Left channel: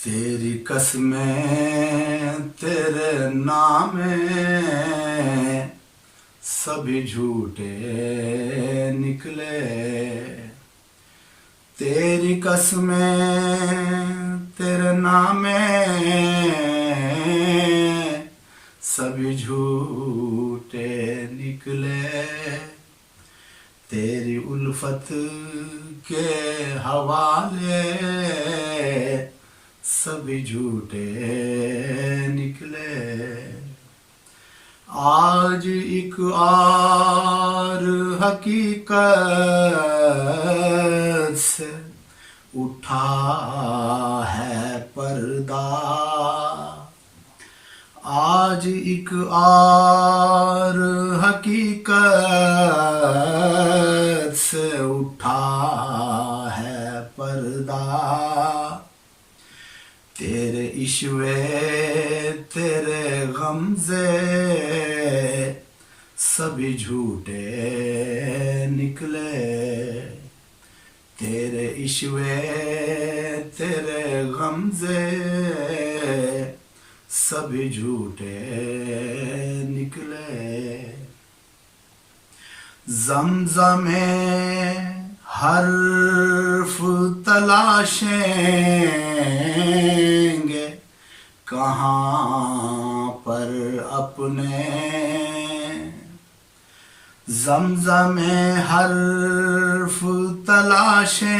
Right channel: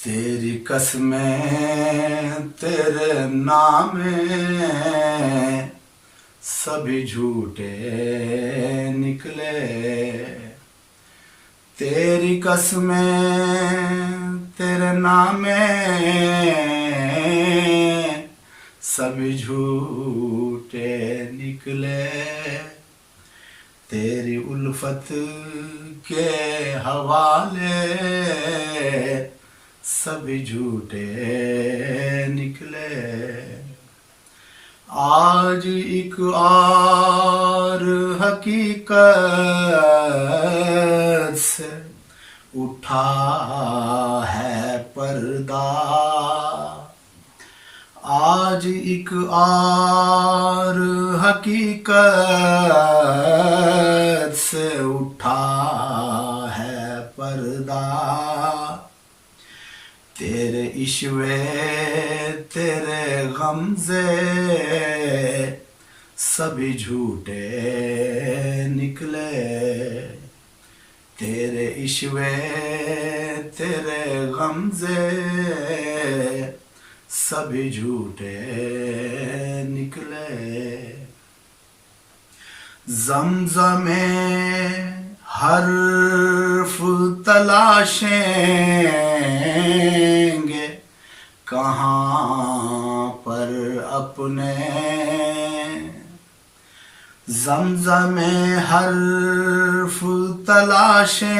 تیری قسمیں تیرے نام سبھی جھوٹے نکلے، تیری قسمیں تیرے نام سبھی جھوٹے نکلے، تیری الفت کے حوالے سبھی جھوٹے نکلے۔ آج ایک اور حقیقت سے اٹھا ہے پردہ، آج ایک اور حقیقت سے اٹھا ہے پردہ، تیرے عشوے تیرے غمزے سبھی جھوٹے نکلے، تیرے عشوے تیرے غمزے سبھی جھوٹے نکلے۔ زمزم حرف تلاشیں گے کہاں پر اپنے، زمزم حرف تلاشیں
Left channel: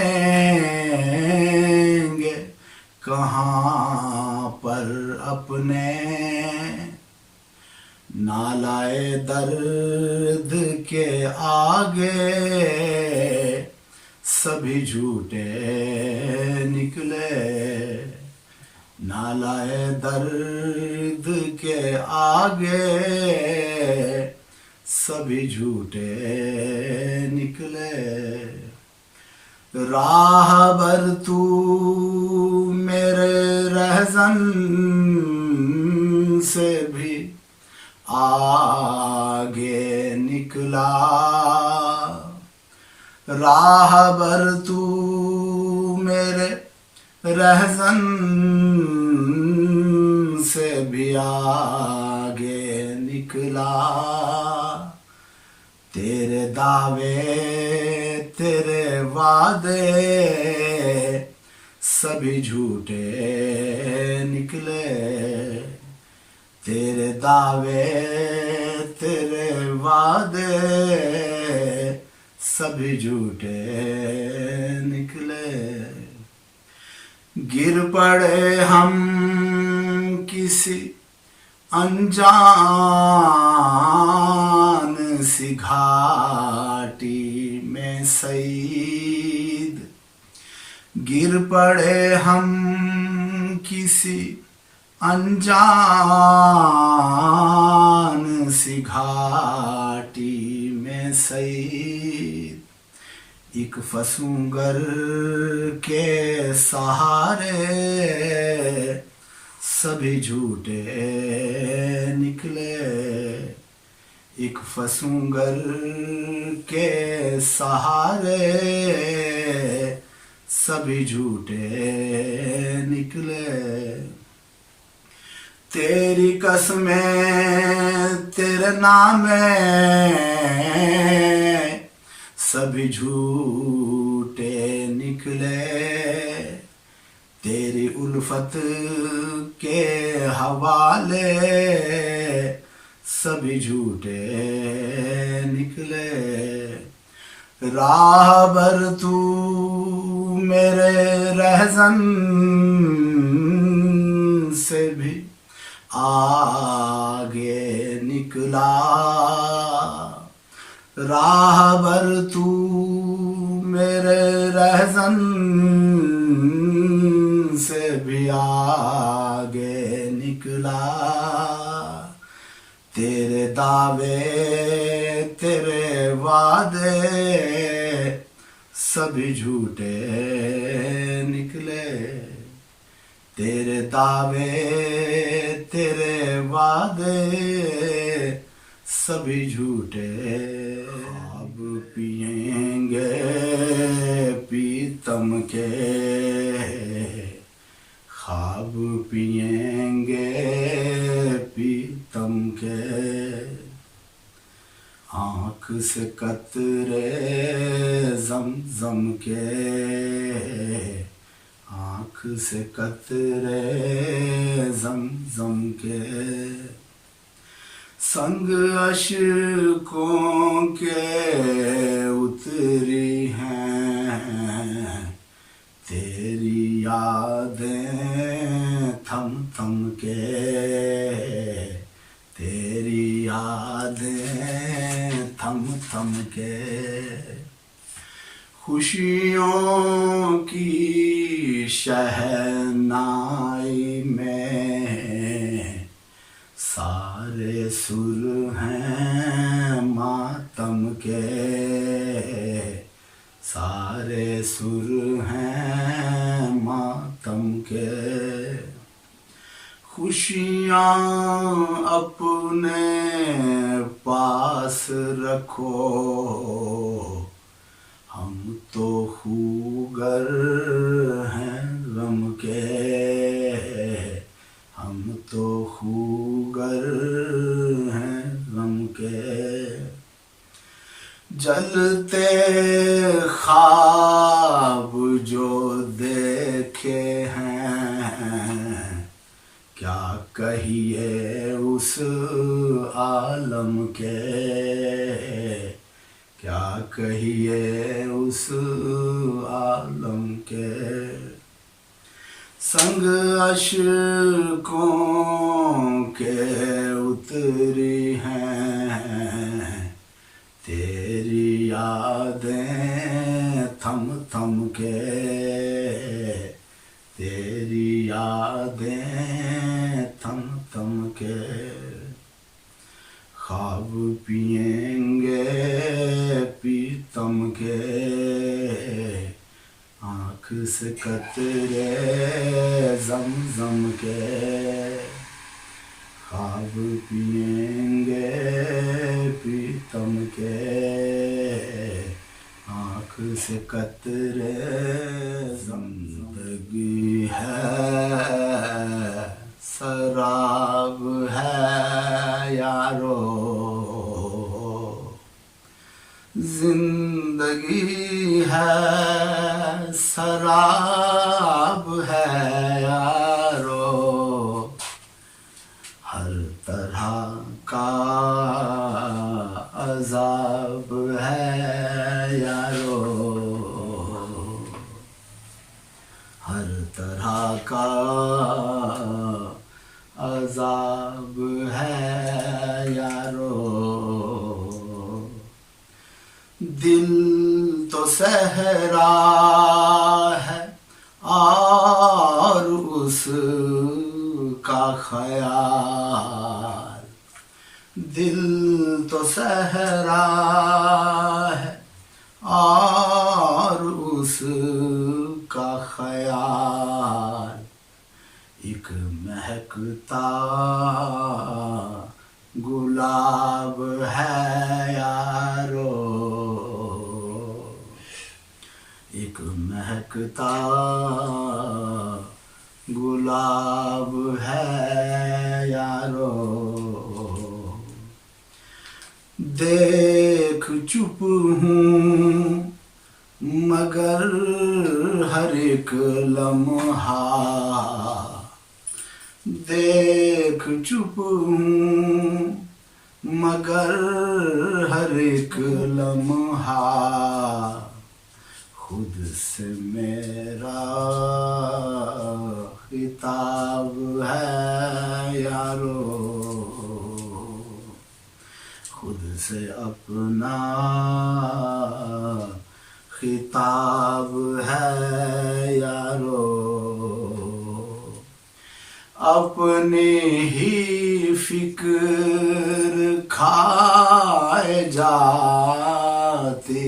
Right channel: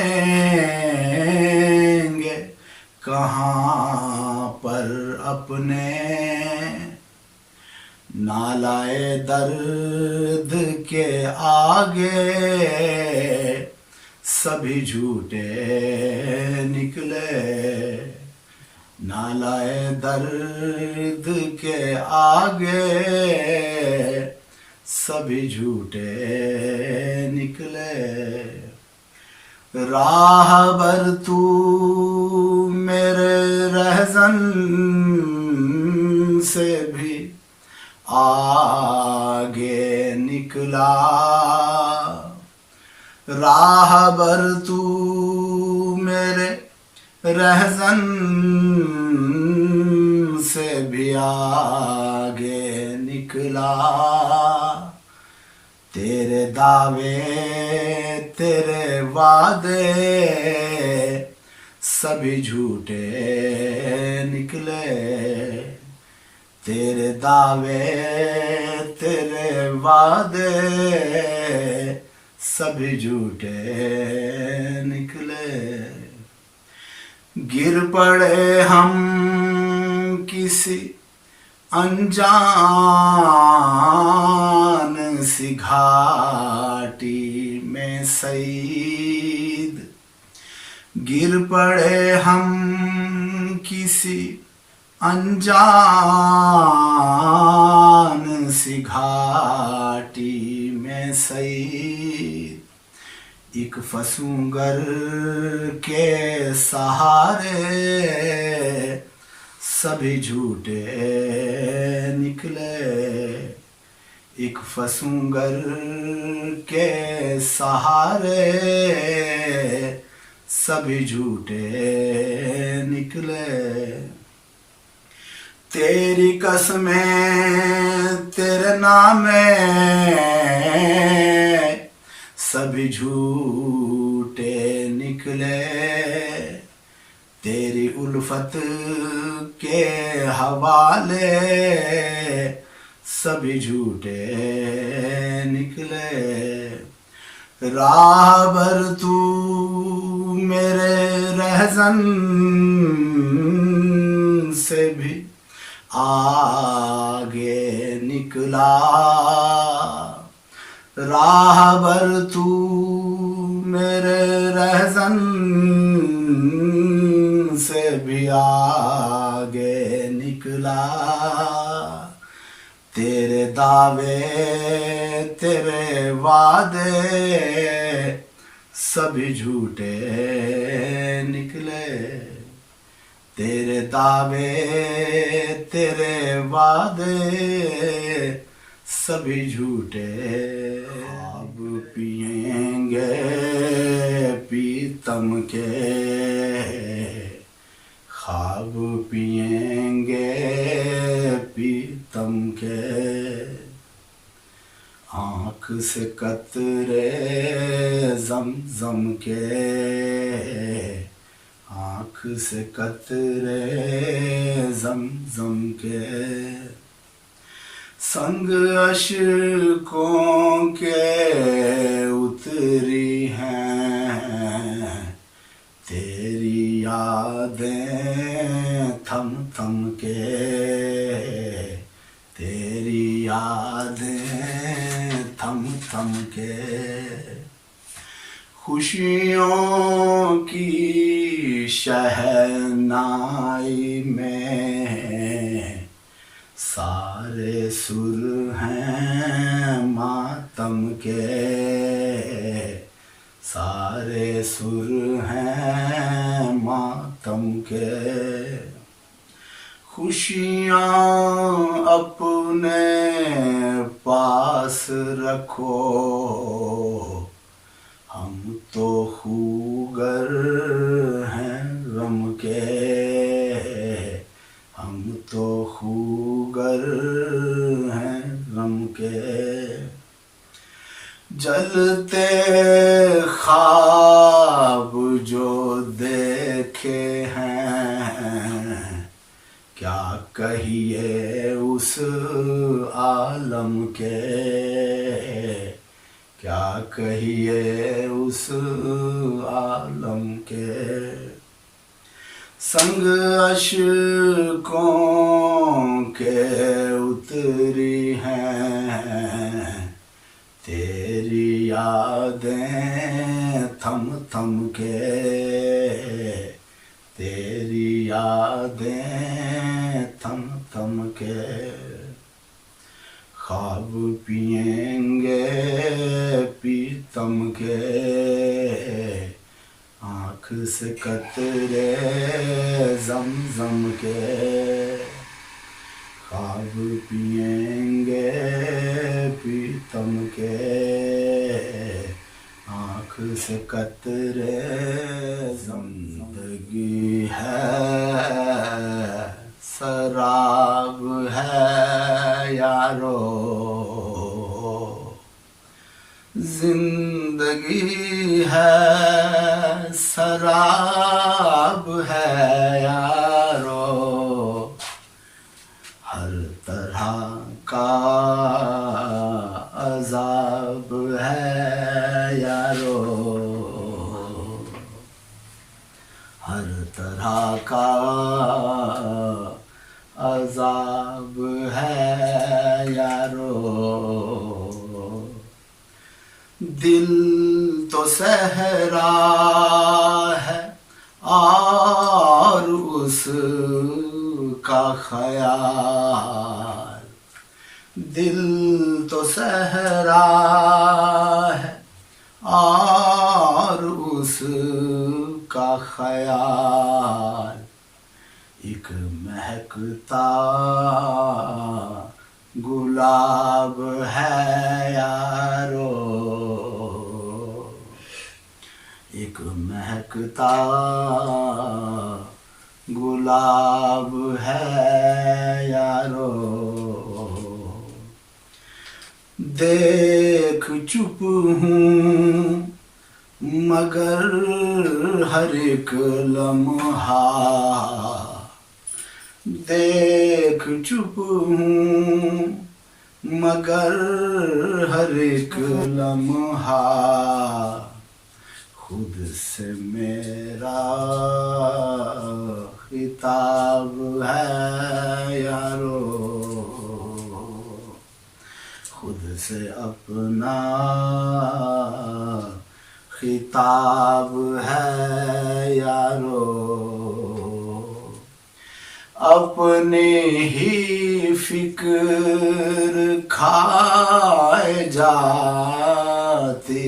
گے کہاں پر اپنے، نالائے درد کے آگے سبھی جھوٹے نکلے، نالائے درد کے آگے سبھی جھوٹے نکلے۔ راہبر تو میرے رہزن سے بھی آگے نکلا، راہبر تو میرے رہزن سے بھی آگے نکلا، تیرے دعوے تیرے وعدے سبھی جھوٹے نکلے، تیرے دعوے تیرے وعدے سبھی جھوٹے نکلے۔ گر پڑے ہم کسی انجان سی گھاٹی میں سعید، گر پڑے ہم کسی انجان سی گھاٹی میں سعید، ایک فسونگر کے سہارے سبھی جھوٹے نکلے، ایک فسونگر کے سہارے سبھی جھوٹے نکلے، تیری قسمیں تیرے نام سبھی جھوٹے نکلے، تیری الفت کے حوالے سبھی جھوٹے نکلے، راہبر تو میرے رہزن سے بھی آگے نکلا، راہبر تو میرے رہزن سے بھی آگے نکلا، تیرے دعوے تیرے وعدے سبھی جھوٹے نکلے، تیرے دعوے تیرے وعدے سبھی جھوٹے، خواب پئیں گے پیتم کے خواب خواب پئیں گے پیتم کے آنکھ سے قطرے زمزم کے آنکھ سے قطرے زمزم کے سنگ اشکوں کے اتری ہیں تیری یادیں تھم تھم کے تیری یادیں تھم تھم کے خوشیوں کی شہنائی میں سارے سر ہیں ماتم کے سارے سر ہیں ماتم کے خوشیاں اپنے پاس رکھو ہم تو خوگر ہیں غم کے ہم تو خوگر ہیں غم کے جلتے خواب جو دیکھے ہیں کیا کہیے اس عالم کے کیا کہیے اس عالم کے سنگ اشکوں کے اتری ہیں تیری یادیں تھم تھم کے تیری یادیں تھم تھم کے خواب پئیں گے پیتم کے آنکھ سے قطرے زمزم کے خواب پئیں گے پیتم کے آنکھ سے قطرے زندگی ہے سراب ہے یارو زندگی ہے سراب ہے یارو ہر طرح کا عذاب ہے یارو ہر طرح کا عذاب ہے یارو دل تو صحرا ہے اور اس کا خیال دل تو صحرا ہے اور اس کا خیال ایک مہکتا گلاب ہے یارو ایک مہکتا گلاب ہے یارو دیکھ چپ ہوں مگر ہر ایک لمحہ دیکھ چپ ہوں مگر ہر ایک لمحہ خود سے میرا خطاب ہے یارو خود سے اپنا خطاب ہے یارو اپنی ہی فکر کھائے جاتی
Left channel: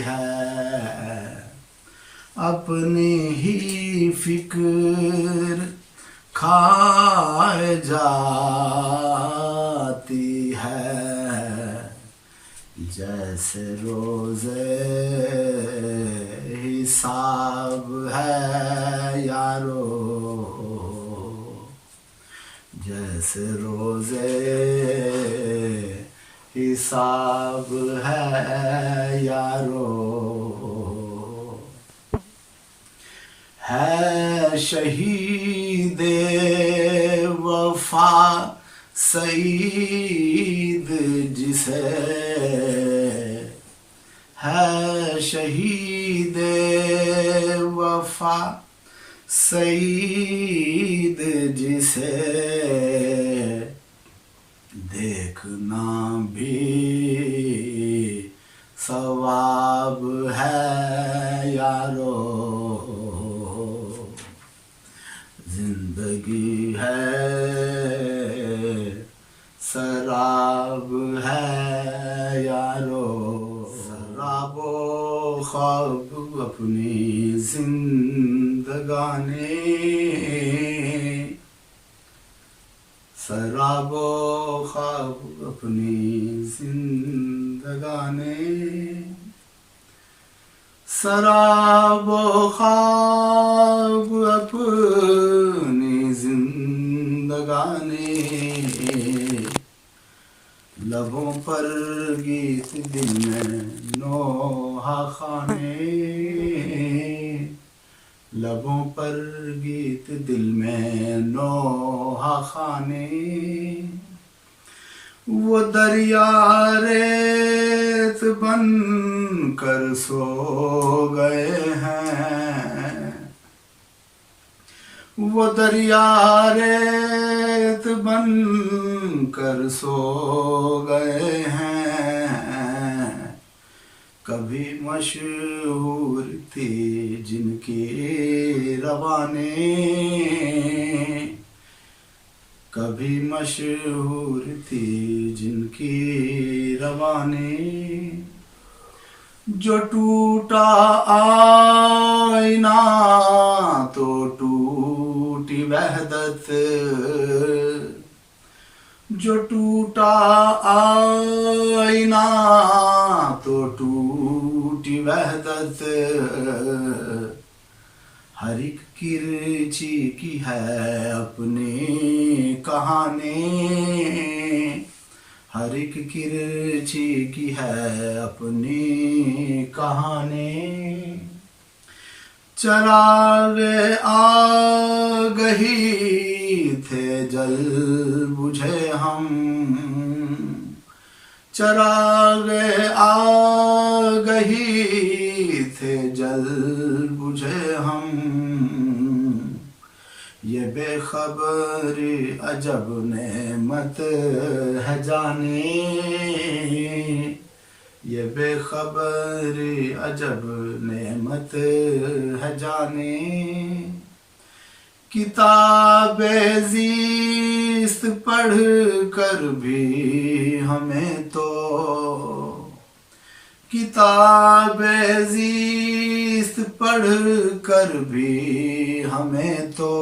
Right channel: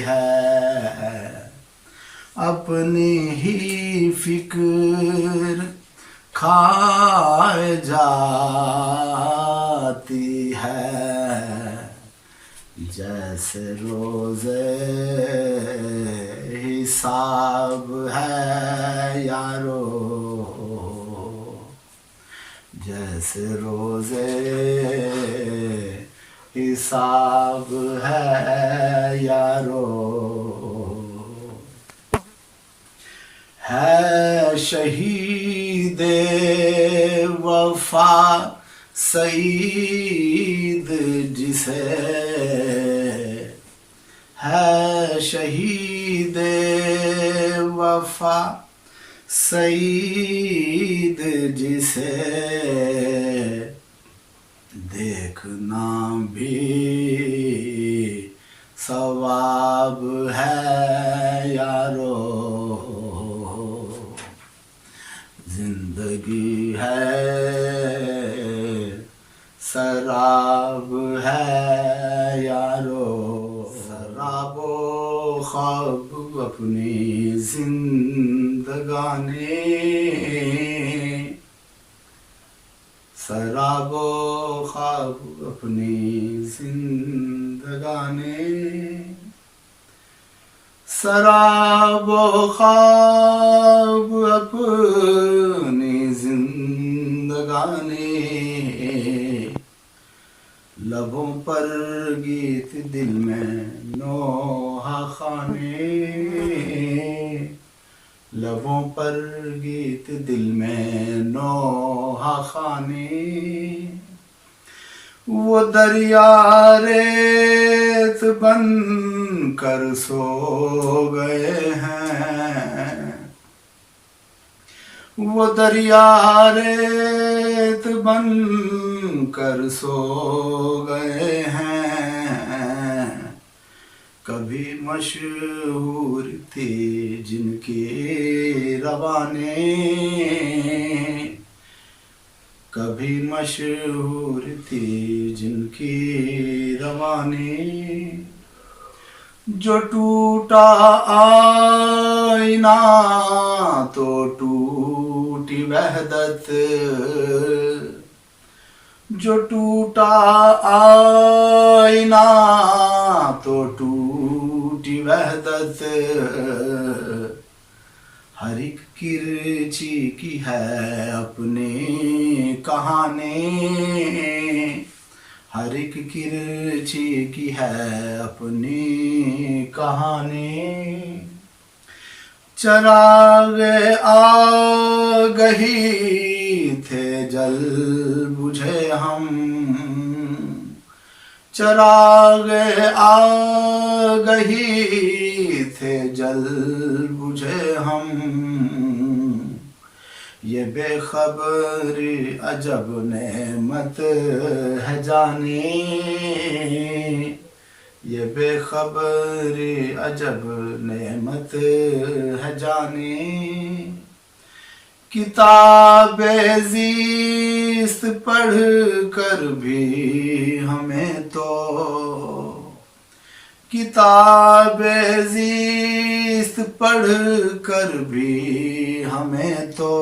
ہے اپنی ہی فکر کھائے جاتی ہے جیسے روزے حساب ہے یارو جیسے روزے حساب ہے یارو، ہے شہید وفا سعید جسے، ہے شہید وفا سعید جسے، دیکھنا بھی ثواب ہے یارو، زندگی ہے سراب ہے یارو، سراب و خواب اپنی زندگانی، سراب و خواب اپنی زندگانی، سراب و خواب اپنی زندگانی، لبوں پر گیت دل میں نوحہ خانے، لبوں پر گیت دل میں نوحہ خانے، وہ دریا ریت بن کر سو گئے ہیں، وہ دریا ریت بن کر سو گئے ہیں، کبھی مشہور تھی جن کی روانیں، کبھی مشہور تھی جن کی روانیں، جو ٹوٹا آئینہ تو ٹوٹی وحدت، جو ٹوٹا آئینہ تو ٹوٹی وحدت، ہر ایک کرچی کی ہے اپنی کہانی، ہر ایک کرچی کی ہے اپنی کہانی، چراغ آگہی تھے جل بجھے ہم، چراغ آگہی تھے جل بجھے ہم، یہ بے خبری عجب نعمت ہے جانی، یہ بے خبری عجب نعمت ہے جانی، کتاب زیست پڑھ کر بھی ہمیں تو، کتاب زیست پڑھ کر بھی ہمیں تو،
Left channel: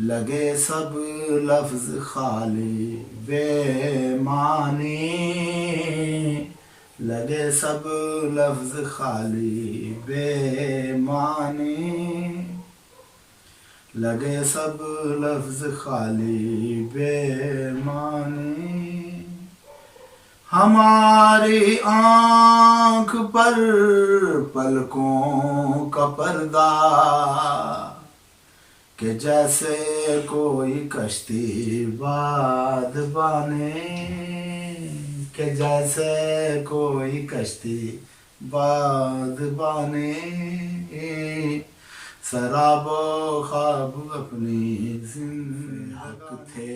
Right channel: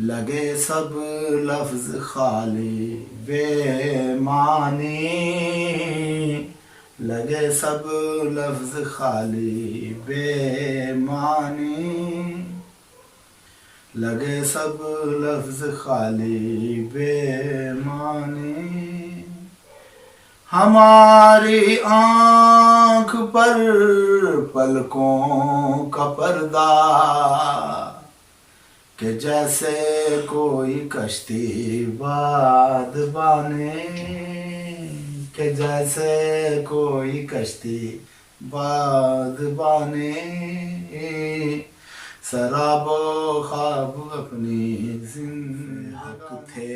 لگے سب لفظ خالی بے معنی، لگے سب لفظ خالی بے معنی، لگے سب لفظ خالی بے معنی، ہماری آنکھ پر پلکوں کا پردہ، کہ جیسے کوئی کشتی بادبانے، کہ جیسے کوئی کشتی بادبانے، سراب و خواب اپنی زندگی، حق تھے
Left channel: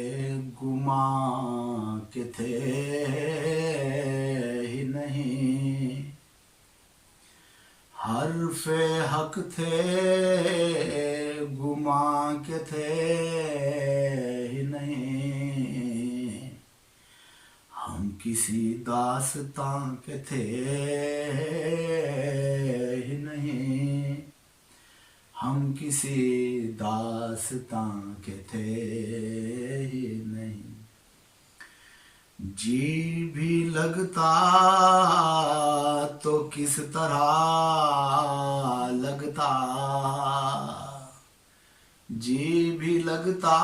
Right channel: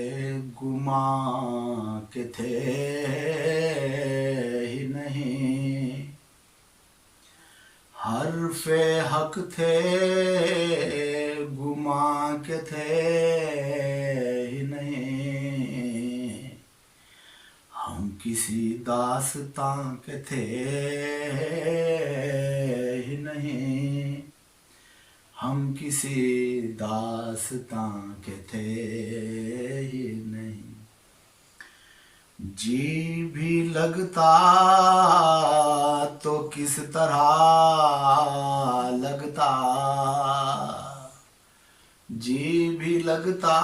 گماں کے تھے ہی نہیں، حرف حق تھے گماں کے تھے ہی نہیں، ہم کسی داستاں کے تھے ہی نہیں، ہم کسی داستاں کے تھے ہی نہیں، جی بھی لگتا تو کس طرح لگتا، جی بھی لگتا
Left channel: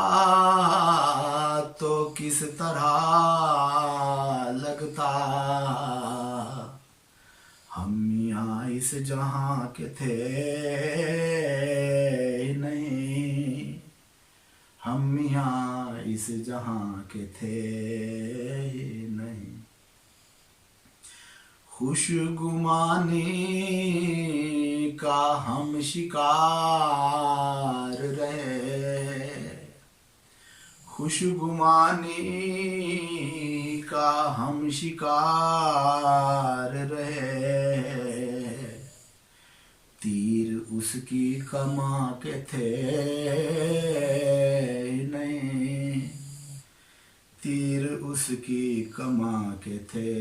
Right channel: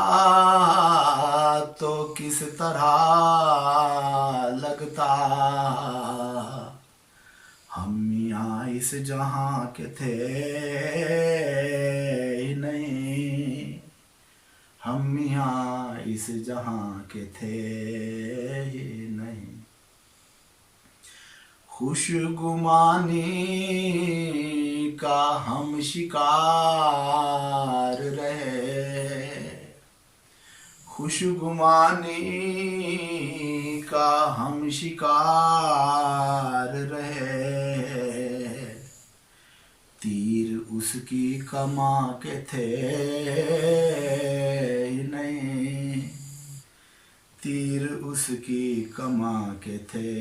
تو کس طرح لگتا، ہم یہاں اس جہاں کے تھے ہی نہیں، ہم یہاں اس جہاں کے تھے ہی نہیں۔ خوش گمانی کا ہم شکار رہے، خوش گمانی کا ہم شکار رہے، تیر اس کی کماں کے تھے ہی نہیں، تیر اس کی کماں کے تھے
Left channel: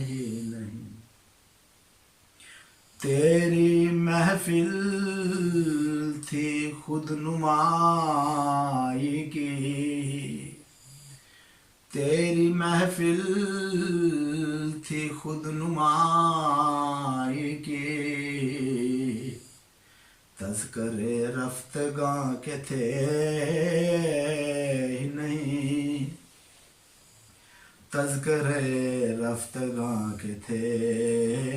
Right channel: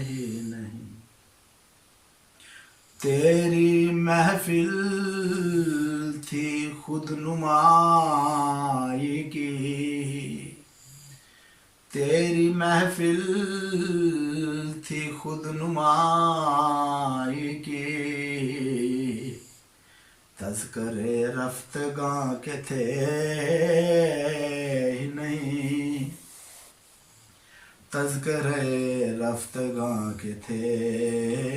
ہی نہیں۔ تیری محفل تھی خود نمائی کی، تیری محفل تھی خود نمائی کی، تذکرے رفتگاں کے تھے ہی نہیں، تذکرے رفتگاں کے تھے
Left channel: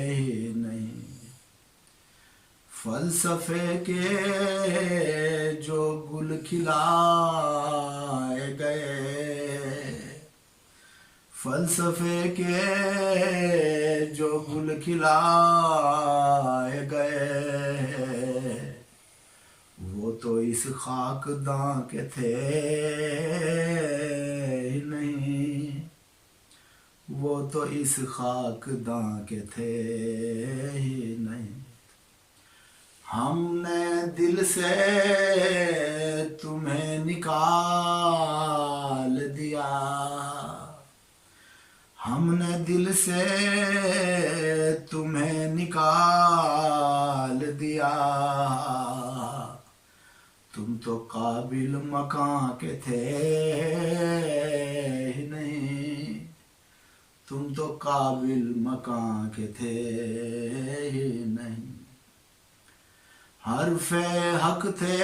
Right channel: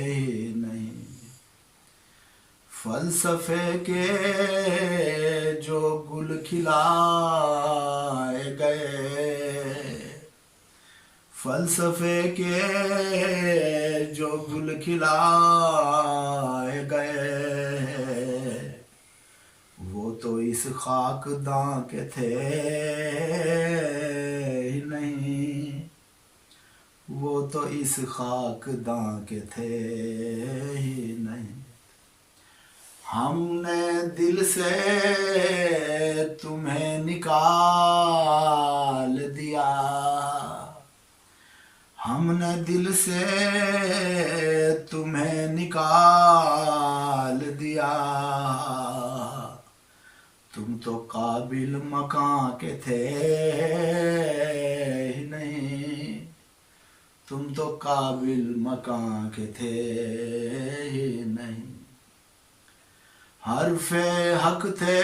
ہی نہیں۔ فلسفے کے جو گل کھلائے گئے، فلسفے کے جو گل کھلائے گئے، وہ تو اس خاک داں کے تھے ہی نہیں، وہ تو اس خاک داں کے تھے ہی نہیں۔ ہم نے دل سے تمہیں نکال دیا، ہم نے دل سے تمہیں نکال دیا، تم تو قابل مکان کے تھے ہی نہیں، تم تو قابل مکان کے تھے ہی نہیں۔ حرف حق تھے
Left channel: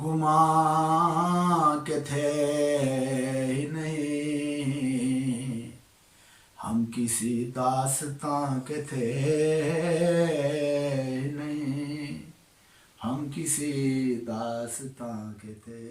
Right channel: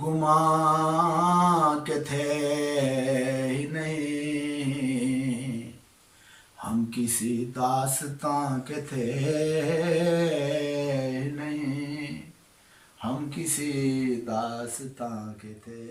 گمان کے تھے ہی نہیں، ہم کسی داستان کے تھے ہی نہیں، ہم کسی داستان کے تھے۔